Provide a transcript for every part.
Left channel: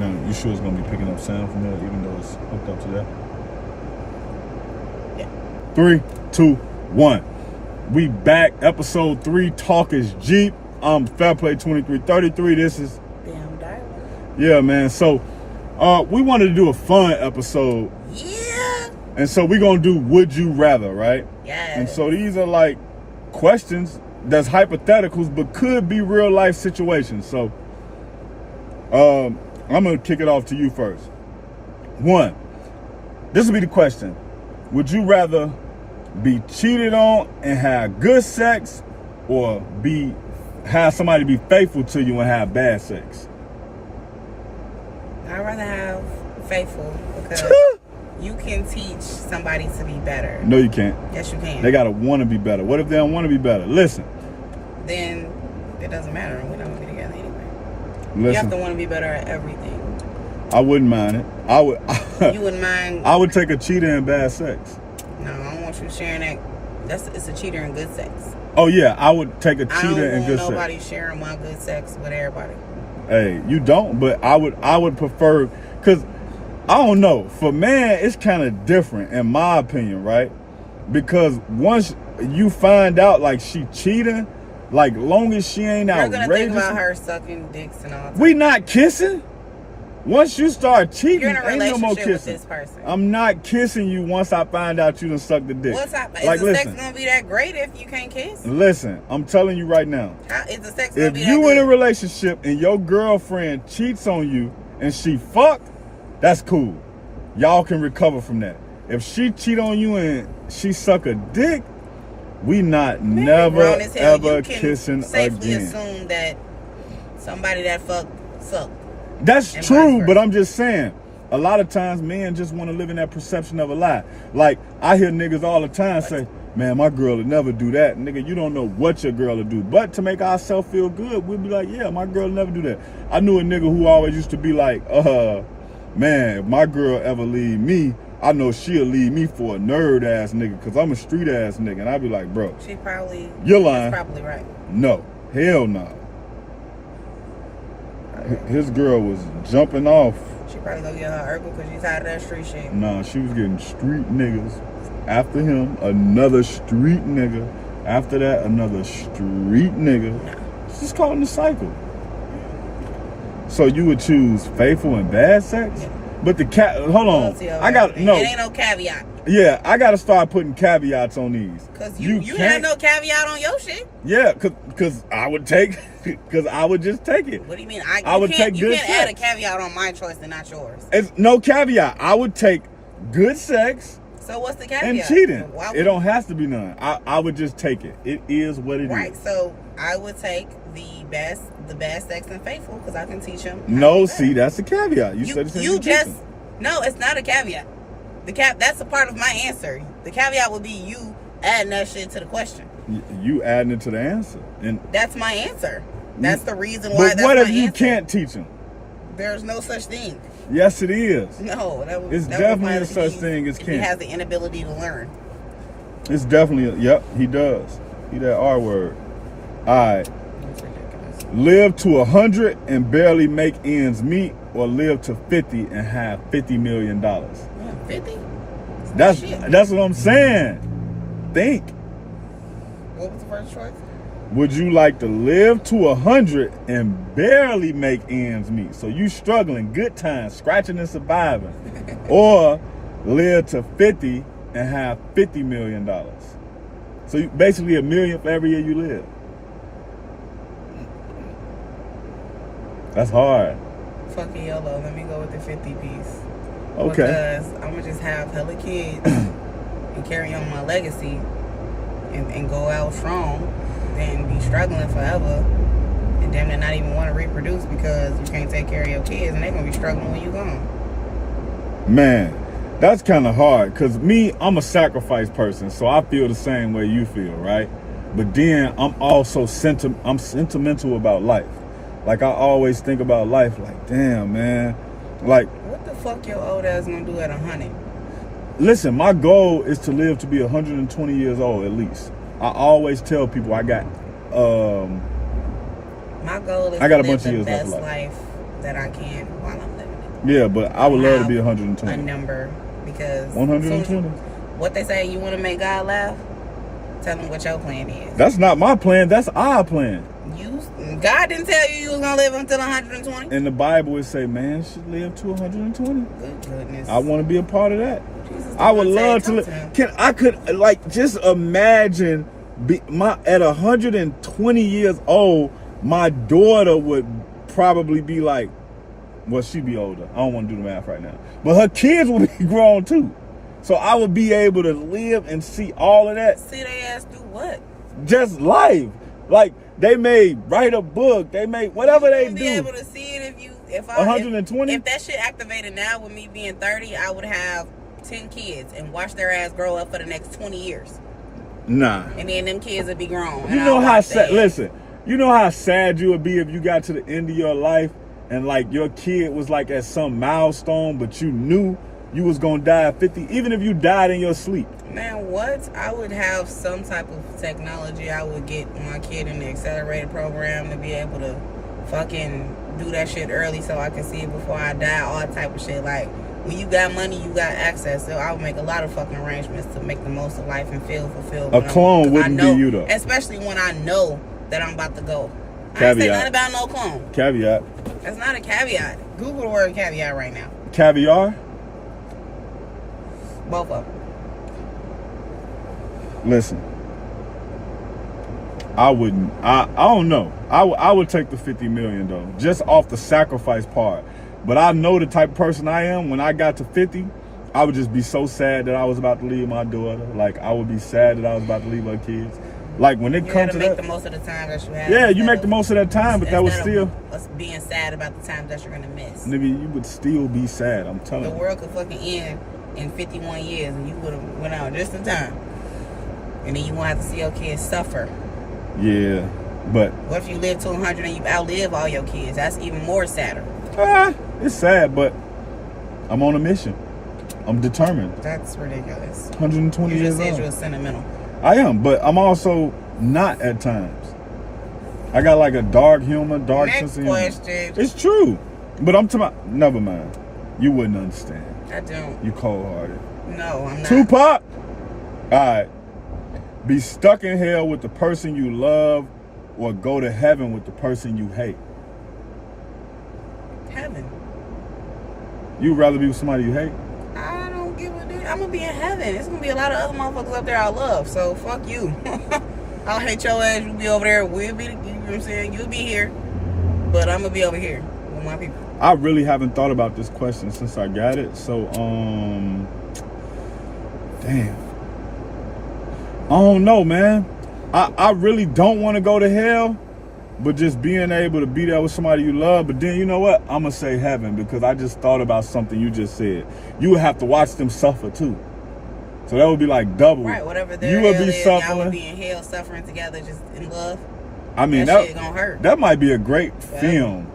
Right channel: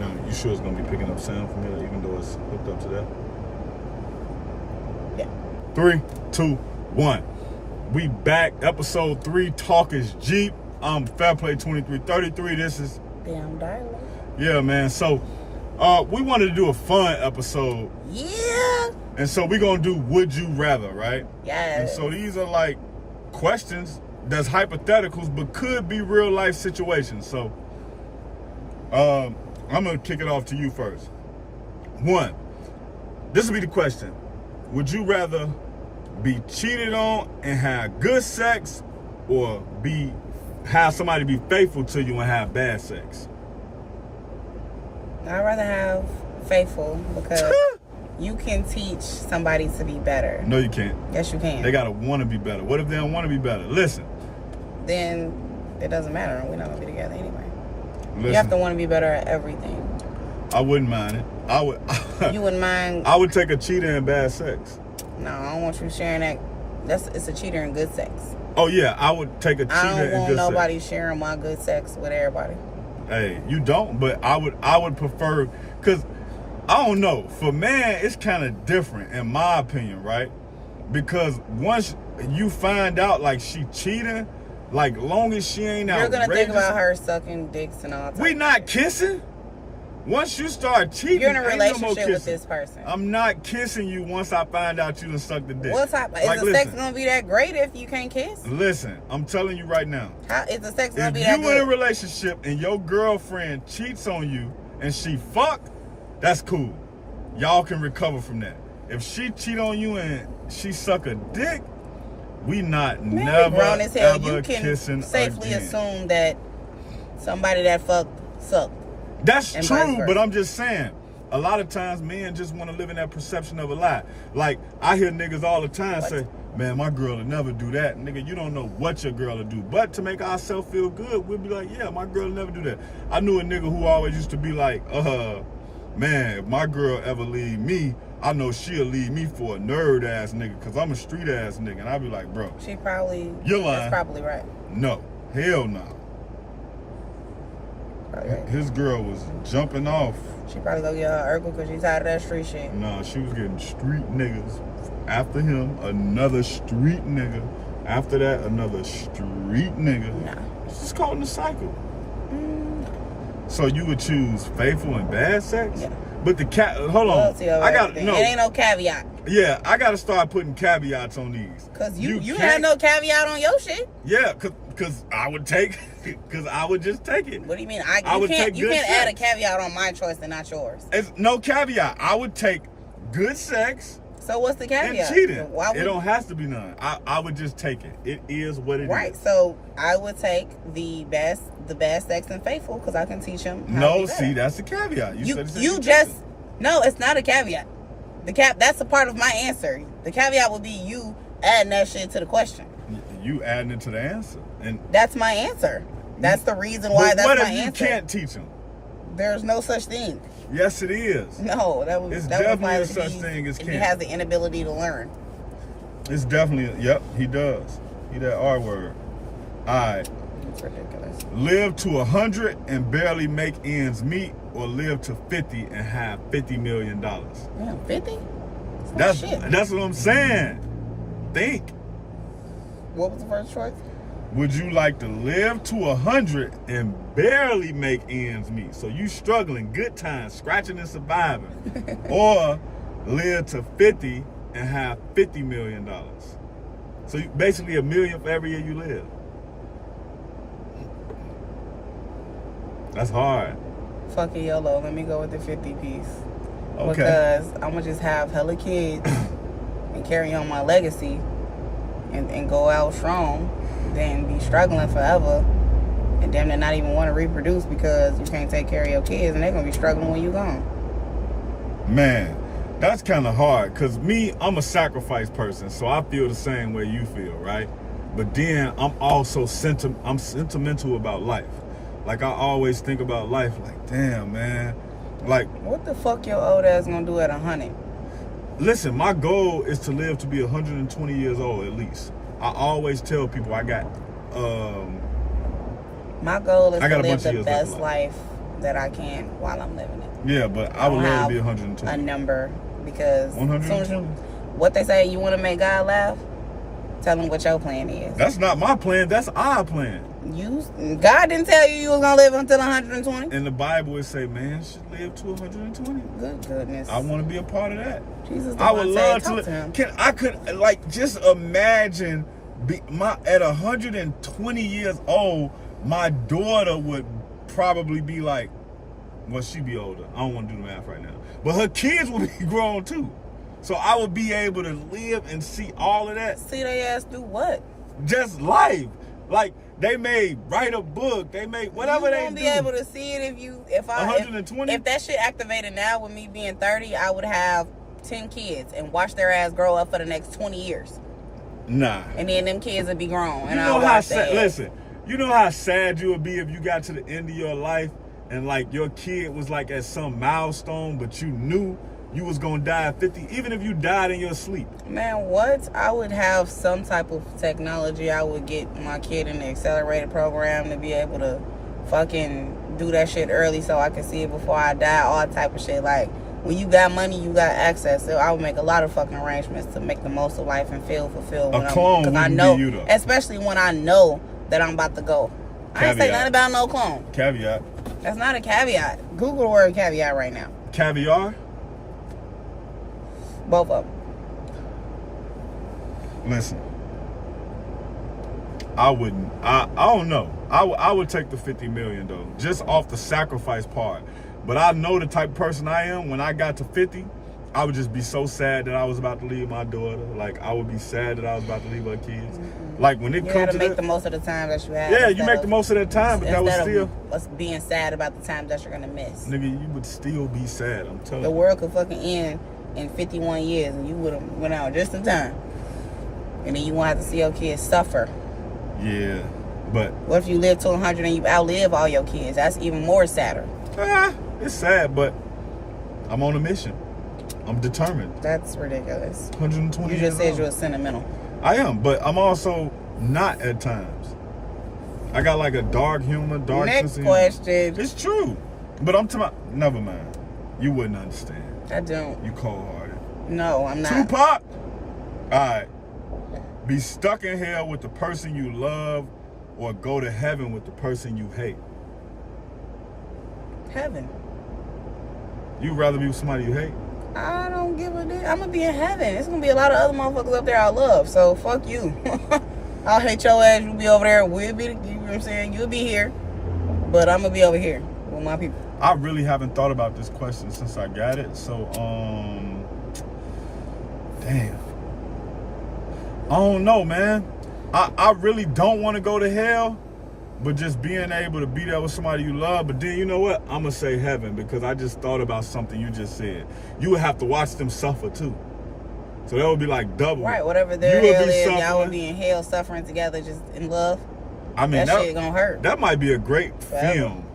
Now, you sure it's gonna be picking up sound from there, even though it's hooked up to that? Yeah. 3, 2, 1. We back. Episode 3. Talk is Jeep. I'm Fairplay 2333. This is. Damn diary. Yeah, man. So, we wanted to do a fun episode. Yeah. And so we're gonna do Would You Rather, right? Yes. And so these are like questions that's hypotheticals, but could be real life situations. So, I'm gonna kick it off to you first. 1. This will be the question. Would you rather be cheated on and have good sex, or have somebody be faithful to you and have bad sex? I'd rather have faithful, because you can teach somebody to be better. No, you can't. Yes, you can. They gotta want to be better. What if they don't want to be better? Listen. Then it doesn't matter. We're not gonna be together anyway. Listen. You have to want to be better at everything. I wouldn't mind it. I would. You wouldn't mind? I would take a cheater and bad sex. No, I don't want you sharing that. It's a cheater and good sex. Oh yeah, I would take a cheater and good sex. I don't want nobody sharing my good sex with everybody. Hey, you don't, but I would prefer, because I don't know, for man it's kind of different in my opinion, right? Because once you find out like she cheating, like long as she ain't outrageous, you're gonna think about her sucking dicks and all that. We not kissing. Once you start cheating, you're in a ain't no more relationship kissing. with this person. I'm not kissing you once I find out you done sucked the dick. What type? Like, is the listen, sex gonna be that great if you can't kiss? Listen, I'm telling you right now. How is the sex gonna If be that you good? in a relationship and your girlfriend cheats on you and she fucked, that's cool. Y'all can recover from that. If she cheat on you and she suck a dick, we not never ever kissing safely again. Assume that somebody that fucked sucked. That's and true, but I'm just saying, a lot of times men just want to live in that perception of a lie. Like, I hear niggas all the time say, man, my girl would never do that. Nigga, you don't know what your girl will do. But to make ourselves feel good, we'll be like, yeah, my girl will never do that. I knew a nigga who always used to be like, man, if my girl ever leave me, I know she'll leave me for a nerd ass nigga, because I'm a street ass nigga. And I'd be like, bro, you're lying. Probably right. No, hell no. His girl was jumping off. She probably go get her herbal because she's tired of that street shit. Nah, she was getting street niggas. After him, another street nigga. After that, another street nigga. Nah. She's caught in the cycle. So you would choose faithful and bad sex? Yeah. But hold on. I got no. It ain't no caveat. Yeah, I got to start putting caveats on these. Because you had no caveat on your shit. Yeah, because I would take, because I would just take it. What do you mean? I would take good sex. You can't add a caveat on my choice and not yours. It's no caveat. I would take good sex. So what's the caveat? And cheating. It don't have to be none. I would just take it. It is what it is. Right. So I would take the bad sex and faithful, because I can teach them. No, see, that's a caveat. You said it's no, it's not a caveat. That's a part of my answer. The caveat would be you adding that shit to the question. You adding it to the answer, and that's my answer. That's the reason why. But what if you can't teach them? There's no such thing. Yes, it is. No, it's definitely a such thing as can't. He has the inability to learn. It's definitely yep. He does. He that R word. All right. Live to 100 and barely make ends meet, or live to 50 and have $50 million. 50? That's what I'm saying. Think. What was the first choice? Would you like to live to 100 and barely make ends meet? So you struggling, good times, scratching and surviving. Or live to 50 and have $50 million. So basically $1 million for every year you live. That's hard. Fuck it, YOLO. Let me go with the 50 piece. Okay. Because I'm going to just have hella kids and carry on my legacy and go out strong than be struggling forever and them to not even want to reproduce because you can't take care of your kids and they're going to be struggling when you're gone. Man, that's kind of hard, because I'm a sacrifice person, so I feel the same way you feel, right? But then I'm also sentimental about life. Like, I always think about life like, damn, man. Like, what the fuck your old ass gonna do at 100? Listen, my goal is to live to be 120 years old at least. I always tell people I got my goal is I got to a bunch live of the years best left. life that I can while I'm living it. Yeah, but I would love to be A 120. number, because 120. what they say, you want to make God laugh, tell him what your plan is. That's not my plan. That's our plan. God didn't tell you was gonna live until 120. In the Bible, it say man should live to 120. Good goodness. I want to be a part of that. Jesus, I would love to talk live. him. I could like just imagine at 120 years old, my daughter would probably be like, well, she'd be older. I don't want to do the math right now, but her kids would be grown too. So I would be able to live and see all of that. See they ass do what? Just life. Like they may write a book, they may whatever they do. Be able to see it if 120. If that shit activated now with me being 30, I would have 10 kids and watch their ass grow up for the next 20 years. Nah. And then them kids would be grown. You know how sad. Listen, you know how sad you would be if you got to the end of your life and like your kid was like at some milestone, but you knew you was gonna die at 50, even if you died in your sleep. Man, what? I would have some type of technology. I would get my kid in the accelerated program to be able to fucking do that shit early so I can see it before I die, all type of shit. Like, when you got money, you got access. So I would make a lot of fucking arrangements to make the most of life and feel fulfilled. A clone wouldn't be you though. Especially when I know that I'm about to go. Caveat. I ain't say nothing about no clone. Caveat. That's not a caveat. Google the word caveat right now. Caviar? Both of them. Listen, I wouldn't. I don't know. I would take the 50 million though, just off the sacrifice part. But I know the type of person I am. When I got to 50, I would just be so sad that I was about to leave my daughter. Like I would be sad that I was about to leave her kids. Like when it comes to that, make the most of the time that you have. Yeah, you make the most of that time, but that was still us being sad about the times that you're gonna miss. Nigga, you would still be sad. I'm telling you. The world could fucking end in 51 years, and you would have went out just in time. And then you won't have to see your kids suffer. Yeah, but what if you live to 100 and you outlive all your kids? That's even more sadder. It's sad, but I'm on a mission. I'm determined. That's ridiculous. 120 you years just said old. you were sentimental. I am, but I'm also not at times. I got like a dark humor, dark sense of humor. Next question. It's true, but I'm talking. Never mind. You wouldn't understand. I don't. You cold-hearted. No, I'm not. Tupac. All right. Be stuck in hell with the person you love, or go to heaven with the person you hate. Heaven. You'd rather be with somebody you hate? I don't give a damn. I'm gonna be in heaven. It's gonna be a lot of other motherfuckers up there I love. So fuck you. I'll hate your ass. You be over there. We'll be. You know what I'm saying? You'll be here, but I'm gonna be over here with my people. I really haven't thought about this question since I got it. So, damn. I don't know, man. I really don't want to go to hell, but just being able to be there with somebody you love. But then, you know what? I'm going to say heaven, because I just thought about something you just said. You would have to watch them suffer, too. So that would be like double. Right, whatever their you hell would be is, suffering. y'all would be in hell suffering together, just in love. I mean, that shit gonna hurt. That might be a great film.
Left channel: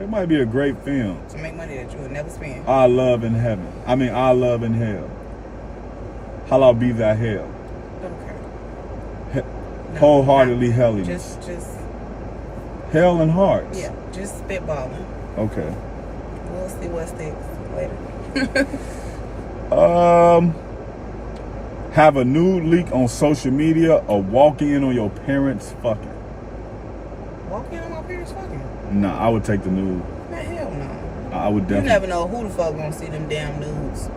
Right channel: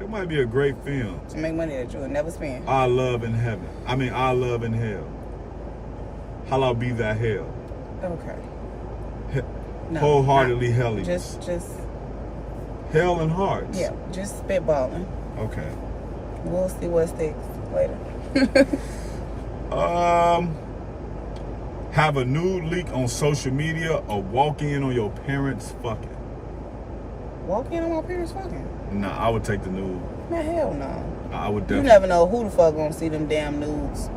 It might be a great film. To make money that you would never spend. Our love in heaven. I mean, our love in hell. Hallowed be thy hell. Okay. No, wholeheartedly helliness. Just hell and hearts. Yeah, just spitballing. Okay. We'll see what sticks later. Have a nude leak on social media, or walk in on your parents fucking. Walk in on my parents fucking? Nah, I would take the nude. Man, hell no. I would definitely. You never know who the fuck gonna see them damn nudes.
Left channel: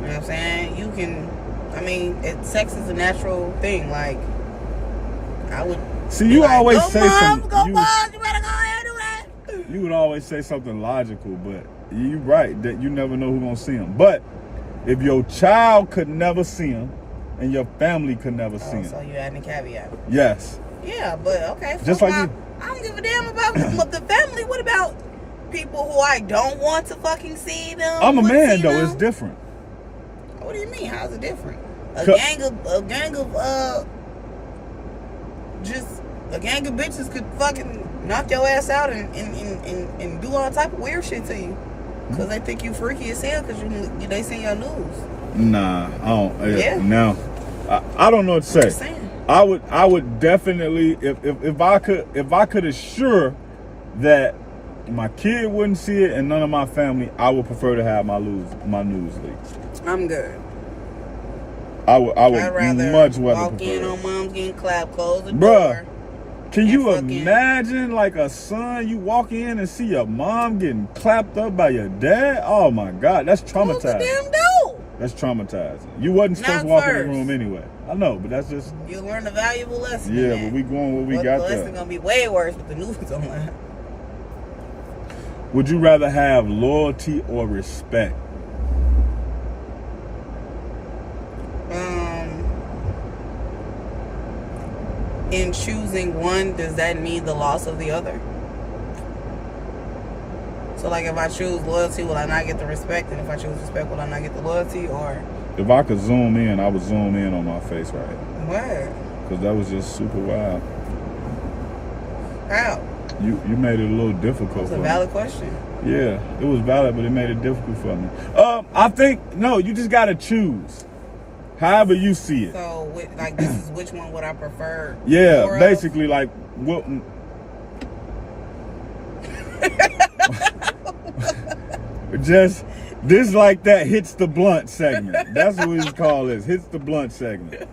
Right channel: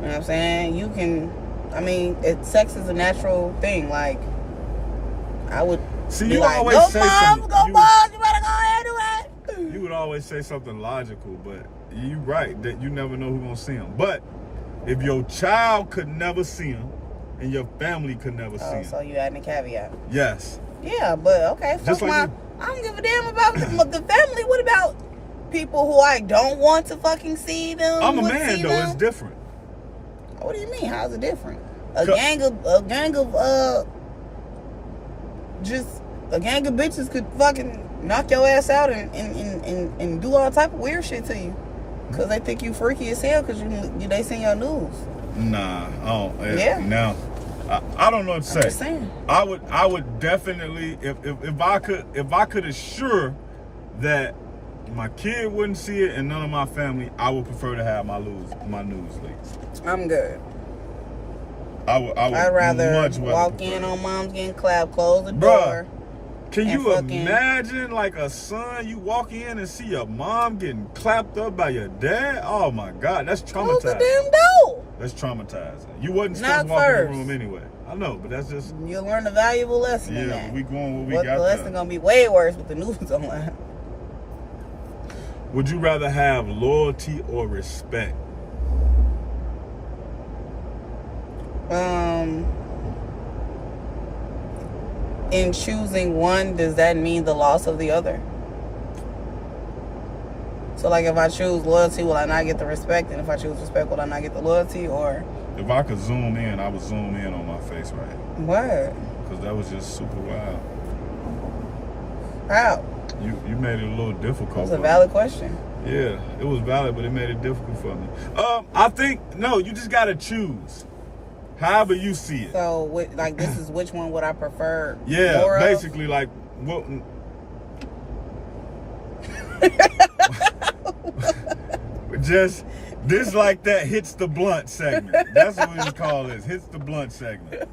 You know what I'm saying? You can, I mean, sex is a natural thing. Like, I would. See, you like, always go say mom, something. Go mom, you better go ahead and do it. You would always say something logical, but you're right that you never know who's gonna see them. But if your child could never see them, and your family could never see them, so you adding a caveat? Yes. Yeah, but okay. Just like you. I don't give a damn about the family. What about people who I don't want to fucking see them? I'm a man though. It's different. What do you mean? How's it different? A gang of bitches could fucking knock your ass out and do all type of weird shit to you because they think you freaky as hell because they seen your news. Nah, I don't. Yeah. No, I don't know what to say. I'm just saying. I would definitely, if I could assure that my kid wouldn't see it, and none of my family, I would prefer to have my news leaks. I'm good. I would I'd rather much walk prefer in on mom's getting clapped, close the Bruh, door. Can you imagine, like, a son, you walk in and see your mom getting clapped up by your dad? Oh my God, that's traumatizing. Close the damn door. That's traumatizing. You wasn't supposed to walk in the room anyway. I know, but that's just... You'll learn a valuable lesson. Yeah, but we going what we got there. The lesson gonna be way worse with the news online. Would you rather have loyalty or respect? In choosing one, does that mean the loss of the other? So, like, if I choose loyalty, will I not get the respect? And if I choose respect, will I not get the loyalty? Or if I could zoom in, I would zoom in on my face right. What? Because that was just super wild. How? You made it a little difficult. It's a valid question. Yeah, it was valid, but it made it difficult for me. I think, no, you just got to choose. However you see it. So, like, this is which one would I prefer? Yeah, basically, like, just this like that hits the blunt segment. That's what we call this. Hits the blunt segment.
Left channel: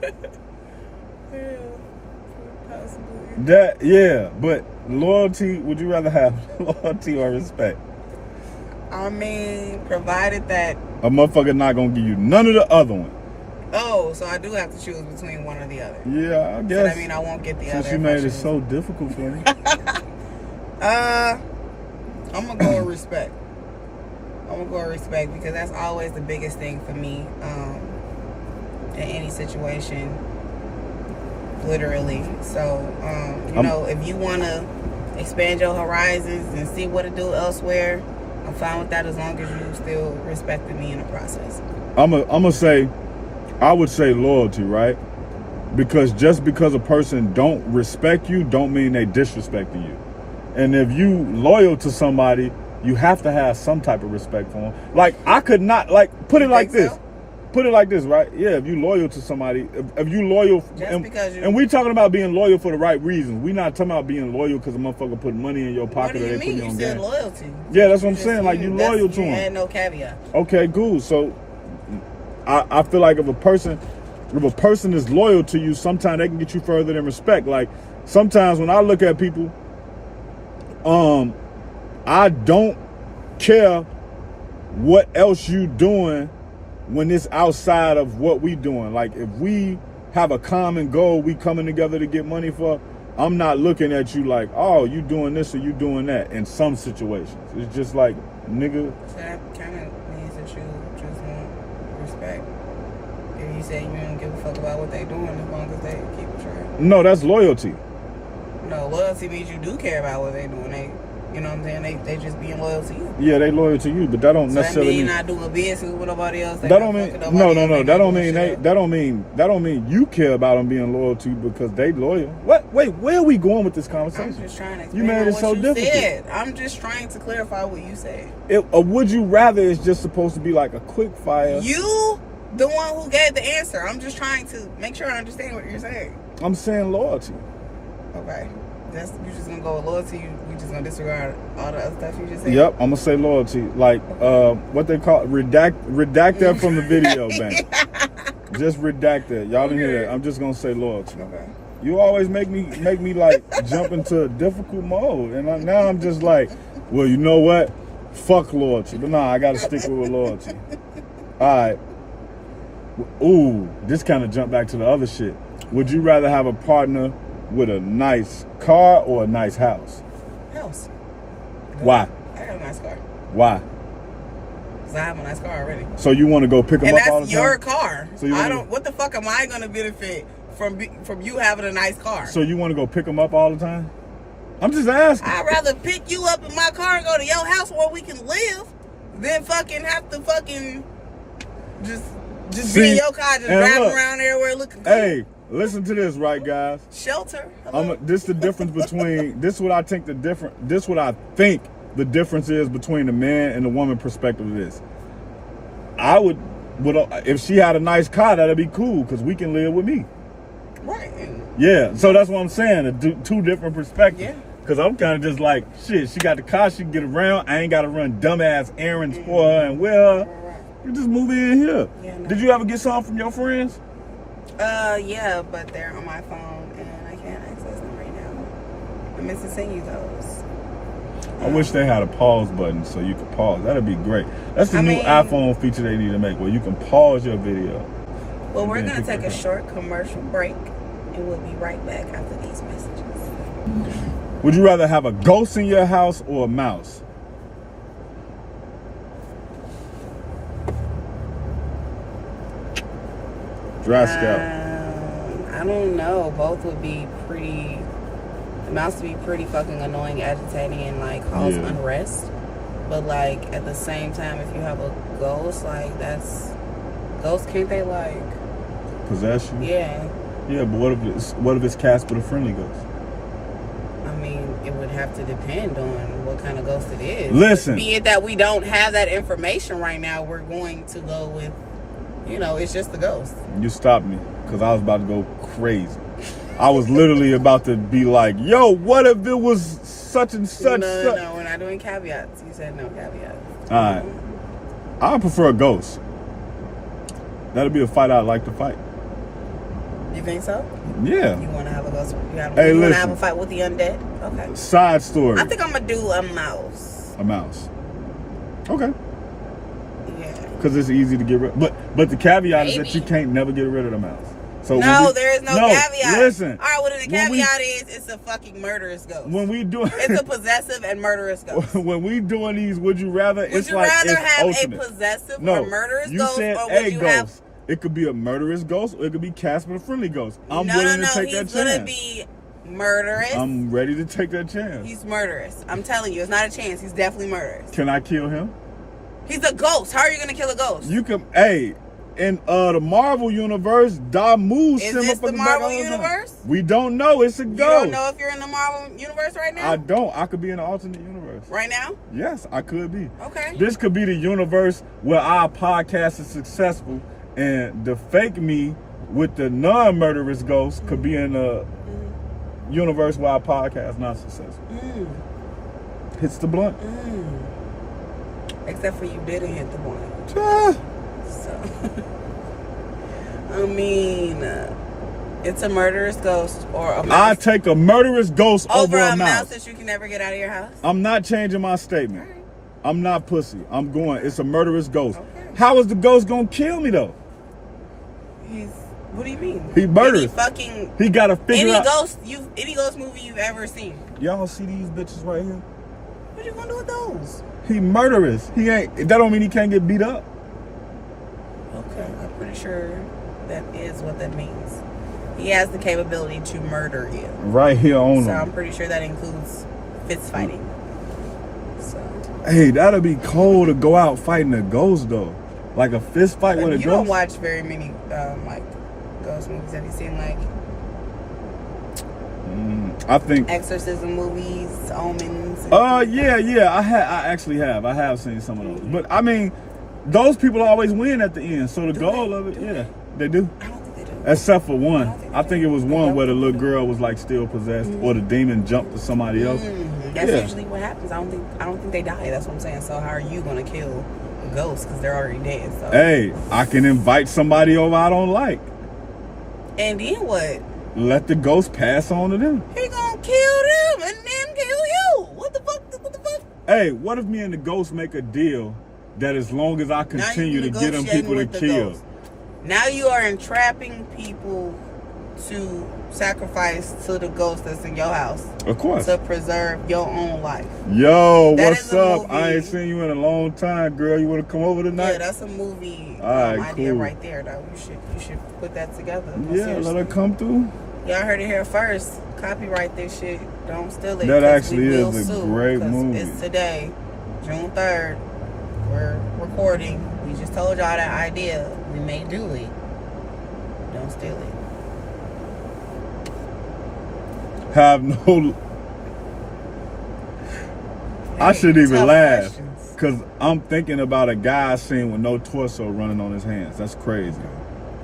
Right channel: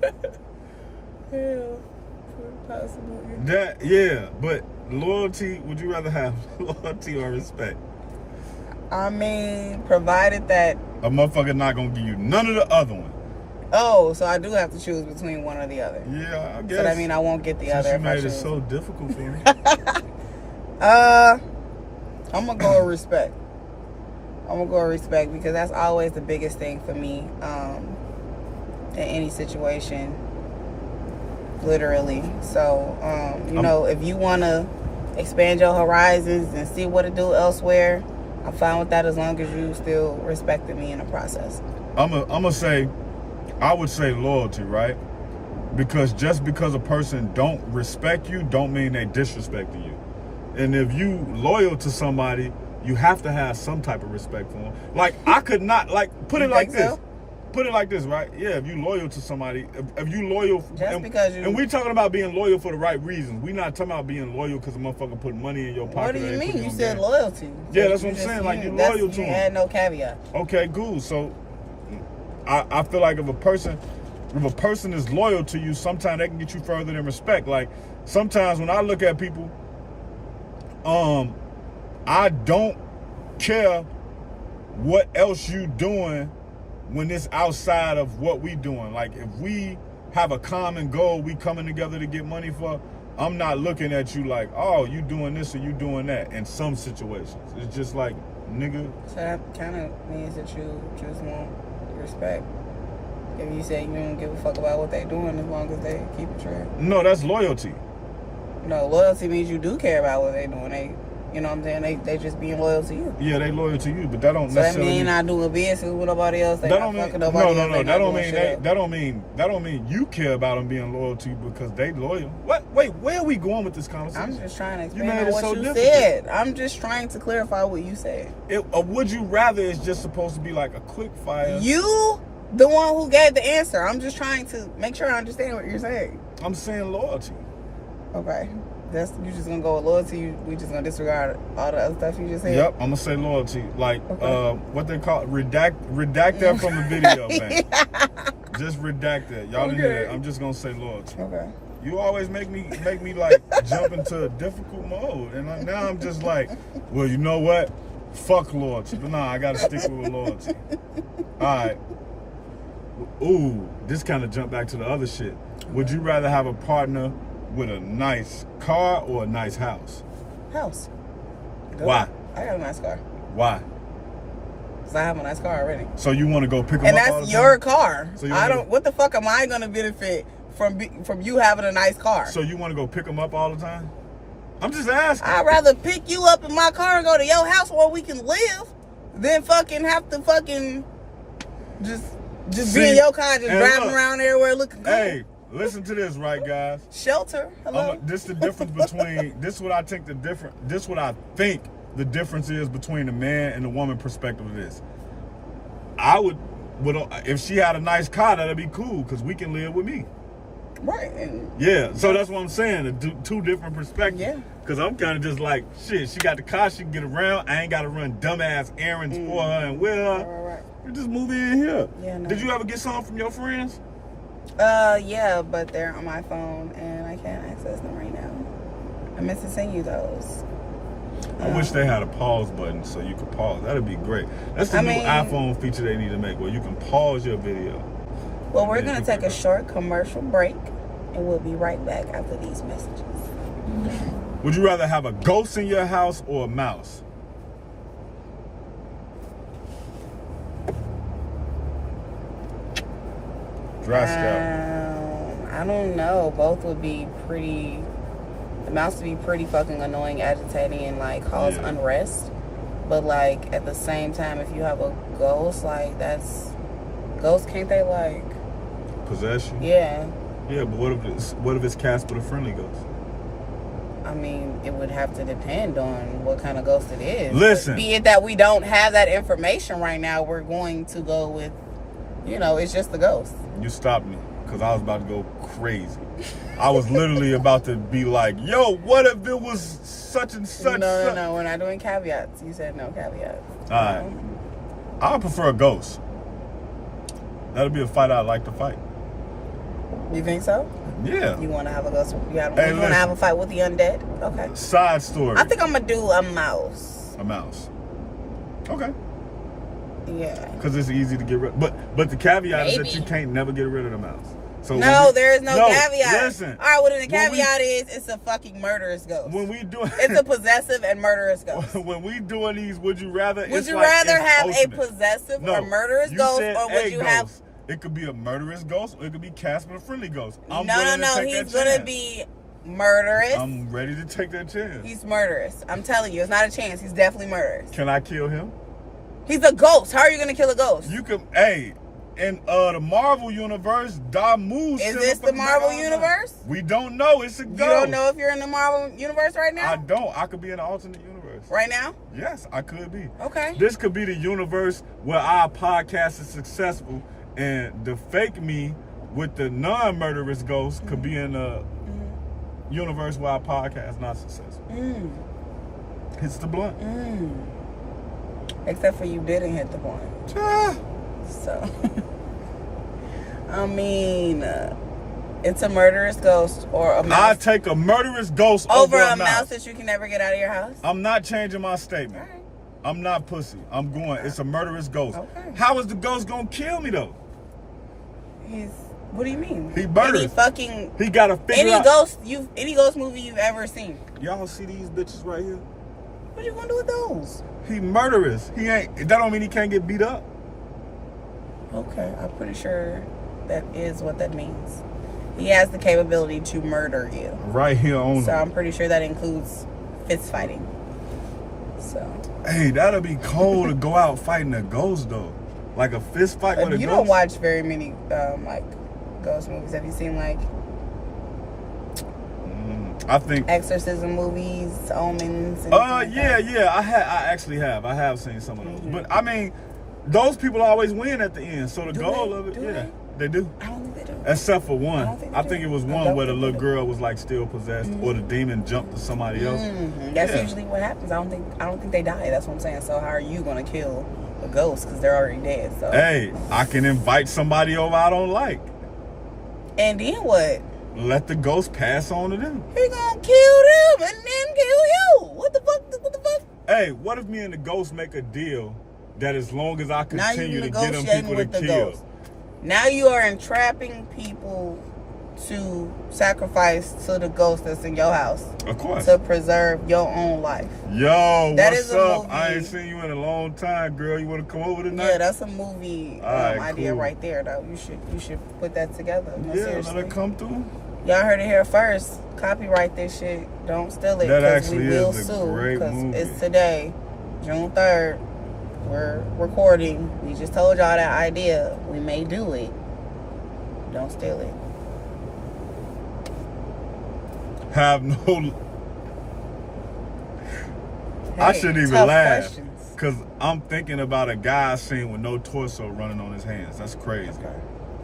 But loyalty, would you rather have loyalty or respect? I mean, provided that a motherfucker not gonna give you none of the other one. Oh, so I do have to choose between one or the other. Yeah, I guess. So that mean I won't get the other. Since you made it so difficult for me. I'm gonna go with respect. Because that's always the biggest thing for me in any situation, literally. So, you know, if you want to expand your horizons and see what to do elsewhere, I'm fine with that as long as you still respected me in the process. I'm gonna say, I would say loyalty, right? Because just because a person don't respect you, don't mean they disrespecting you. And if you loyal to somebody, you have to have some type of respect for them. Like, I could not, like, put it like this. So? Put it like this, right? Yeah, if you loyal to somebody, if you loyal, and we talking about being loyal for the right reasons. We not talking about being loyal because a motherfucker put money in your pocket or they put you on game. You said loyalty. Yeah, that's what I'm saying. Like, you loyal to them. You had no caveat. Okay, cool. So, I feel like if a person is loyal to you, sometimes they can get you further than respect. Like, sometimes when I look at people, I don't care what else you doing when it's outside of what we doing. Like, if we have a common goal, we coming together to get money for, I'm not looking at you like, oh, you doing this or you doing that in some situations. It's just like, nigga. So that kind of means that you just want respect. If you say you don't give a fuck about what they doing as long as they keep it straight. No, that's loyalty. No, loyalty means you do care about what they doing. You know what I'm saying? They just being loyal to you. Yeah, they loyal to you, but that don't necessarily mean I do a business with nobody else. That don't mean no. That don't mean you care about them being loyal to you because they loyal. What? Wait, where are we going with this conversation? I'm just trying to. You made it so difficult. Said. I'm just trying to clarify what you said. Would you rather is just supposed to be like a quick fire. You, the one who gave the answer. I'm just trying to make sure I understand what you're saying. I'm saying loyalty. Okay. You just gonna go with loyalty. We just gonna disregard all the other stuff you just said. Yep, I'm gonna say loyalty. Like what they call redact that from the video, man. Just redact that. Y'all didn't hear that. I'm just gonna say loyalty. Okay. You always make me like jump into a difficult mode, and now I'm just like, well, you know what? Fuck loyalty, but nah, I gotta stick with loyalty. All right. Ooh, this kind of jumped back to the other shit. Would you rather have a partner with a nice car or a nice house? House. Why? I got a nice car. Why? Because I have a nice car already. So you want to go pick them up all the time? And that's your car. So what the fuck am I going to benefit from you having a nice car? So you want to go pick them up all the time? I'm just asking. I'd rather pick you up in my car and go to your house where we can live than fucking have to fucking just be in your car just driving around everywhere looking good. Hey. Listen to this, right, guys? Shelter. Hello? This the difference between this. What I think the difference is between the man and the woman perspective of this. I would if she had a nice car, that'd be cool because we can live with me. Right. Yeah. So that's what I'm saying. Two different perspectives. Yeah. Cause I'm kind of just like, shit, she got the car, she can get around. I ain't got to run dumbass errands for her and with her. You just move in here. Yeah, no. Did you ever get something from your friends? Yeah, but they're on my phone and I can't access them right now. I'm missing sending you those. I wish they had a pause button so you could pause. That'd be great. That's the new iPhone feature they need to make, where you can pause your video. Well, we're going to take a short commercial break and we'll be right back after these messages. Would you rather have a ghost in your house or a mouse? Dry scout. I don't know. Both would be pretty. The mouse would be pretty fucking annoying, agitating, and like cause unrest. But like at the same time, if you have a ghost, like that's ghosts, can't they like possess you? Yeah. Yeah, but what if it's Casper the Friendly Ghost? I mean, it would have to depend on what kind of ghost it is. Listen. Be it that we don't have that information right now, we're going to go with, it's just the ghost. You stopped me because I was about to go crazy. I was literally about to be like, yo, what if it was such and such? No, we're not doing caveats. You said no caveats. All right. I prefer a ghost. That'll be a fight I'd like to fight. You think so? Yeah. You want to have a ghost? You want to have a fight with the undead? Okay. Side story. I think I'm going to do a mouse. A mouse. Okay. Yeah. Because it's easy to get rid of. But the caveat is that you can't never get rid of the mouse. So no, there is no caveat. Listen. All right, well, then the caveat is it's a fucking murderous ghost. When we do it's a possessive and murderous ghost. When we doing these, would you rather? Would you rather have a possessive or murderous ghost? You said or would you ghost. Have... It could be a murderous ghost, or it could be Casper the Friendly Ghost. I'm willing to take that chance. He's gonna be murderous. I'm ready to take that chance. He's murderous. I'm telling you, it's not a chance. He's definitely murderous. Can I kill him? He's a ghost. How are you gonna kill a ghost? You can. In the Marvel universe, Damu. Is this the Marvel universe? We don't know. It's a ghost. You don't know if you're in the Marvel universe right now? I don't. I could be in an alternate universe. Right now? Yes, I could be. Okay. This could be the universe where our podcast is successful, and the fake me with the non-murderous ghost could be in the universe where our podcast is not successful. Hits the blunt. Except for you didn't hit the blunt. So, I mean, it's a murderous ghost or a mouse. I take a murderous ghost over a mouse that you can never get out of your house. I'm not changing my statement. Right. I'm not pussy. I'm going. It's a murderous ghost. Okay. How is the ghost gonna kill me though? What do you mean? He murderous. He gotta figure out any ghost movie you've ever seen. Y'all see these bitches right here? What you gonna do with those? He murderous. He ain't. That don't mean he can't get beat up. Okay, I'm pretty sure that is what that means. He has the capability to murder you. Right here on him. So I'm pretty sure that includes fist fighting. So. Hey, that'll be cold to go out fighting a ghost though. Like a fist fight with a ghost. You don't watch very many like ghost movies. Have you seen like? I think exorcism movies, omens. Yeah. I actually have. I have seen some of those. But I mean, those people always win at the end. So the goal of it, they do. I don't think they do. Except for one. I think it was one where the little girl was like still possessed, or the demon jumped to somebody else. That's usually what happens. I don't think they die. That's what I'm saying. So how are you gonna kill a ghost because they're already dead? So. Hey, I can invite somebody over I don't like. And then what? Let the ghost pass on to them. He gonna kill them and then kill you. What the fuck? Hey, what if me and the ghost make a deal that as long as I continue to get them people to kill? Now you are entrapping people to sacrifice to the ghost that's in your house. Of course. To preserve your own life. Yo, what's up? I ain't seen you in a long time, girl. You want to come over tonight? Yeah, that's a movie idea right there, though. You should put that together. Yeah, let her come through. Y'all heard it here first. Copyright this shit. Don't steal it. That actually is a great movie. It's today, June 3rd. We're recording. We just told y'all that idea. We may do it. Don't steal it. Have no. I shouldn't even laugh because I'm thinking about a guy scene with no torso running on his hands. That's crazy.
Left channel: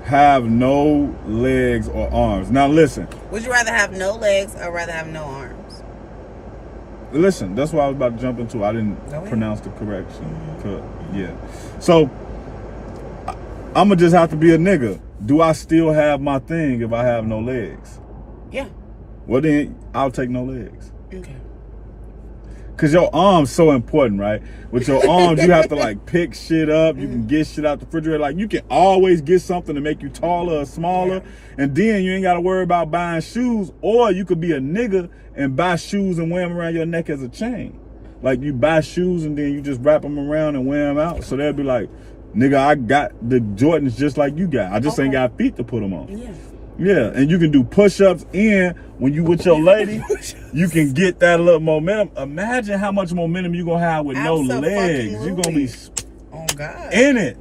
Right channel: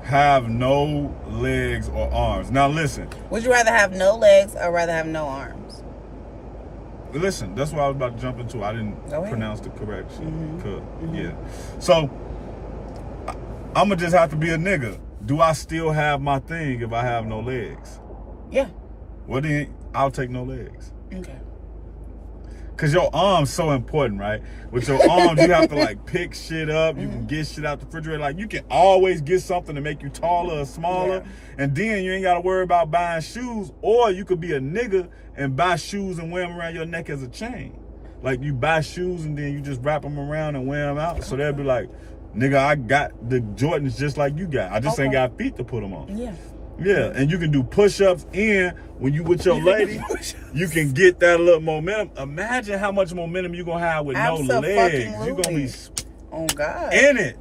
Have no legs or arms. Now listen. Would you rather have no legs or rather have no arms? listen, that's what I was about to jump into. I didn't pronounce the correction. Yeah. So I'ma just have to be a nigga. Do I still have my thing if I have no legs? Yeah. Well then, I'll take no legs. Okay. Cause your arms so important, right? With your arms, you have to like pick shit up. You can get shit out the refrigerator. Like you can always get something to make you taller or smaller. And then you ain't got to worry about buying shoes. Or you could be a nigga and buy shoes and wear them around your neck as a chain. Like you buy shoes and then you just wrap them around and wear them out. So they'll be like, nigga, I got the Jordans just like you got. I just ain't got feet to put them on. Yeah. Yeah, and you can do push-ups, and when you with your lady, you can get that little momentum. Imagine how much momentum you're going to have with no legs. You're going to be in it.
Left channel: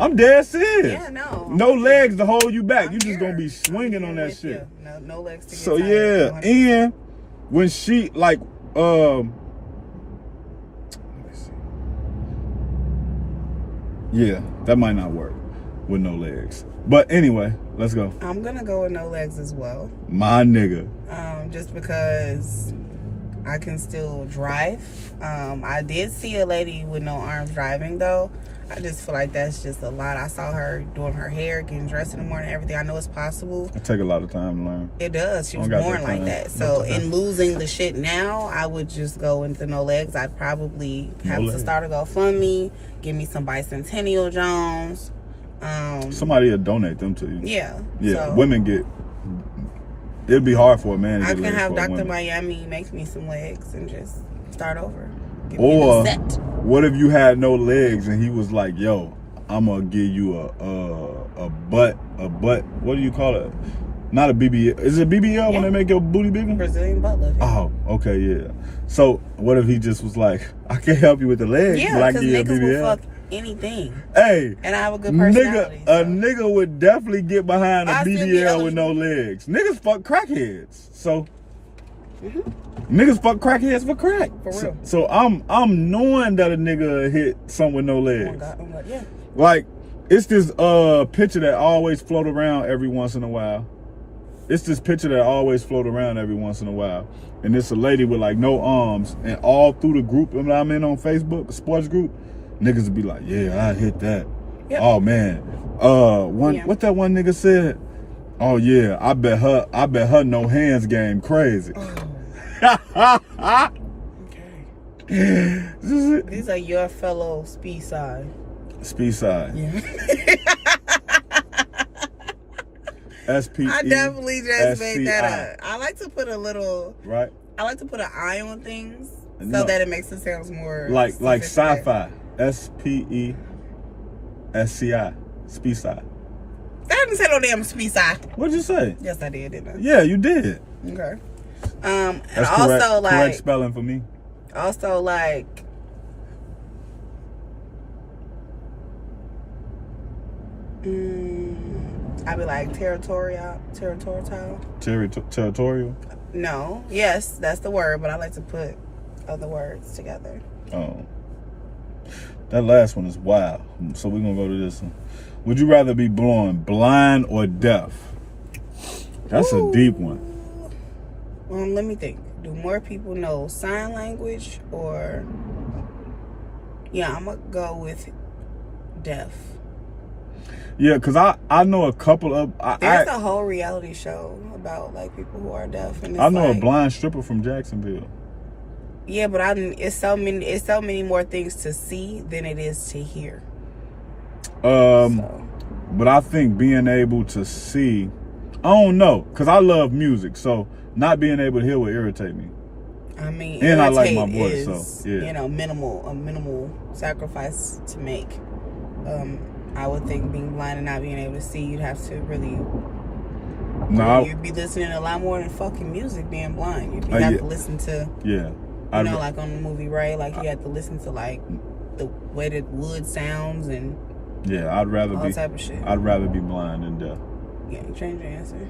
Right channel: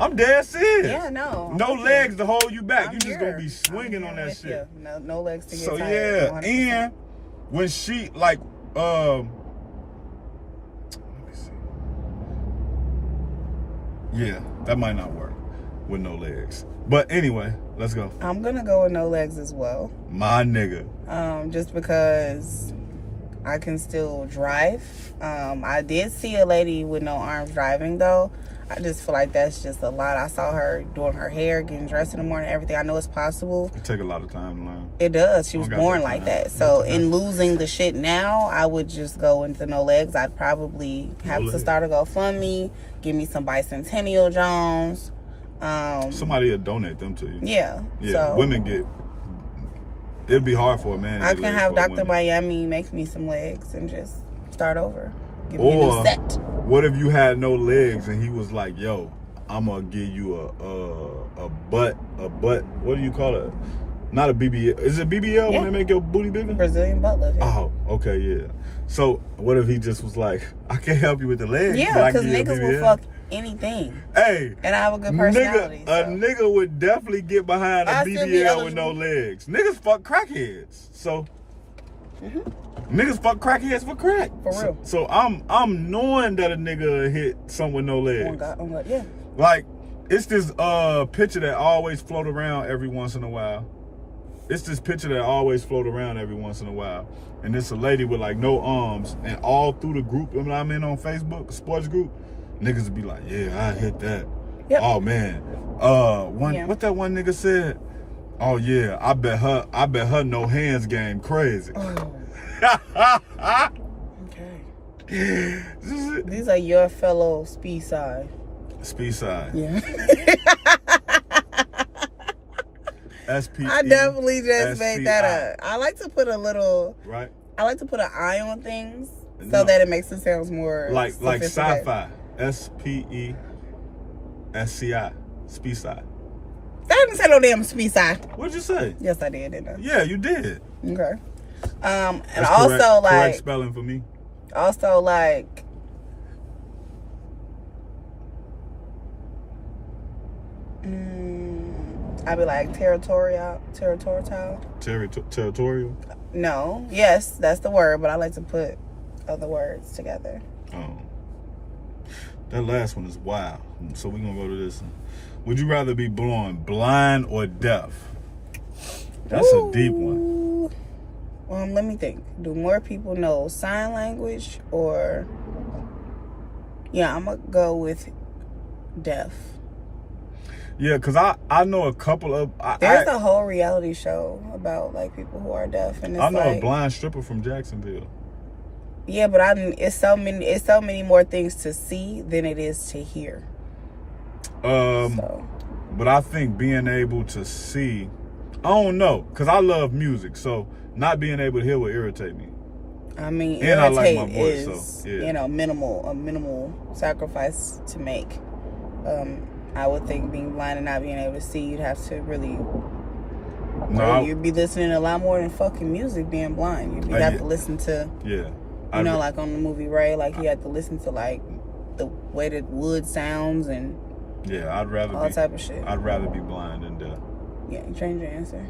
I'm dead serious. Yeah, no. No legs to hold you back. You're just going to be swinging on that shit. No legs to get So, tired. yeah, 100%. And when she, like, let me see. Yeah, that might not work with no legs. But anyway, let's go. I'm gonna go with no legs as well. My nigga. Just because I can still drive. I did see a lady with no arms driving though. I just feel like that's just a lot. I saw her doing her hair, getting dressed in the morning, everything. I know it's possible. It take a lot of time to learn. It does. She was born like that. So in losing the shit now, I would just go into no legs. I'd probably have to start a GoFundMe, give me some Bicentennial Jones. Somebody will donate them to you. Yeah. Yeah. So women get. It'd be hard for a man to I get can have Dr. women. Miami make me some legs and just start over. Give Or me a set. What if you had no legs and he was like, "Yo, I'm gonna give you a butt. What do you call it? Not a BBL. Is it BBL when they make your booty bigger? Brazilian butt lift. Yeah. Oh, okay, yeah. So what if he just was like, I can't help you with the legs, Yeah, but I because give you a niggas will BBL. fuck anything. Hey, and I have a good personality. A nigga would definitely get behind a BBL with no legs. Niggas fuck crackheads. So niggas fuck crackheads for crack. For real. So I'm knowing that a nigga hit some with no legs. Oh God, I'm like, yeah. Like, it's this picture that always float around every once in a while. It's this picture that always float around every once in a while. And it's a lady with like no arms, and all through the group that I'm in on Facebook, the sports group, niggas would be like, yeah, I hit that. Yep. Oh man. What that one nigga said? Oh yeah, I bet her no hands game crazy. Oh. Okay. These are your fellow speed side. Speed side. Yeah. SPE. I definitely just made that up. I like to put a little. Right. I like to put an eye on things so that it makes it sound more like sci-fi. SPESCI. Speed side. I didn't say no damn speed side. What'd you say? Yes, I did, didn't I? Yeah, you did. Okay. And that's also correct, like correct spelling for me. Also like I'd be like territorial. Territorial? No. Yes, that's the word, but I like to put other words together. Oh. That last one is wild. So we're gonna go to this one. Would you rather be born blind or deaf? That's a deep one. Let me think. Do more people know sign language or... Yeah, I'm gonna go with deaf. Yeah, because I know a couple of... There's a whole reality show about like people who are deaf. And it's I know like, a blind stripper from Jacksonville. Yeah, but it's so many more things to see than it is to hear. But I think being able to see, I don't know, because I love music, so not being able to hear would irritate me. I mean, and I like my voice, so yeah. You know, minimal sacrifice to make. I would think being blind and not being able to see, you'd have to really. You'd be listening to a lot more than fucking music. Being blind, you'd have to listen to. Yeah. You know, like on the movie, right? Like you had to listen to like the way the wood sounds and. Yeah, I'd rather all type of shit. I'd rather be blind than deaf. Yeah, you changed your answer.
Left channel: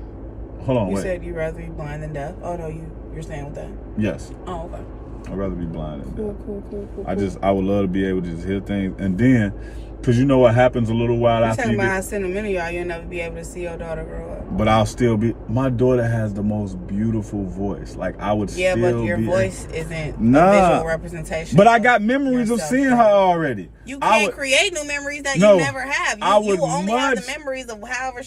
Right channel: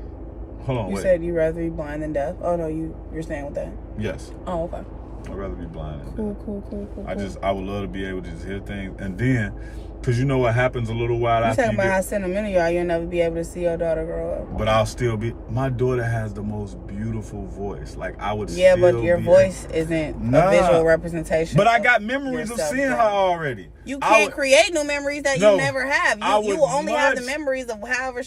Hold on, You said you'd rather be blind than deaf. Oh no, you're staying with that. Yes. Oh, okay. I'd rather be blind than deaf. Cool. I would love to be able to just hear things, and then, cause you know what happens a little while after talking you about how sentimental you are. You'll never be able to see your daughter grow up. But I'll still be. My daughter has the most beautiful voice. Like I would. Yeah, still but your be voice isn't a visual representation. But I got memories of seeing her already. You can't create new memories that you never have. You will only have the memories of however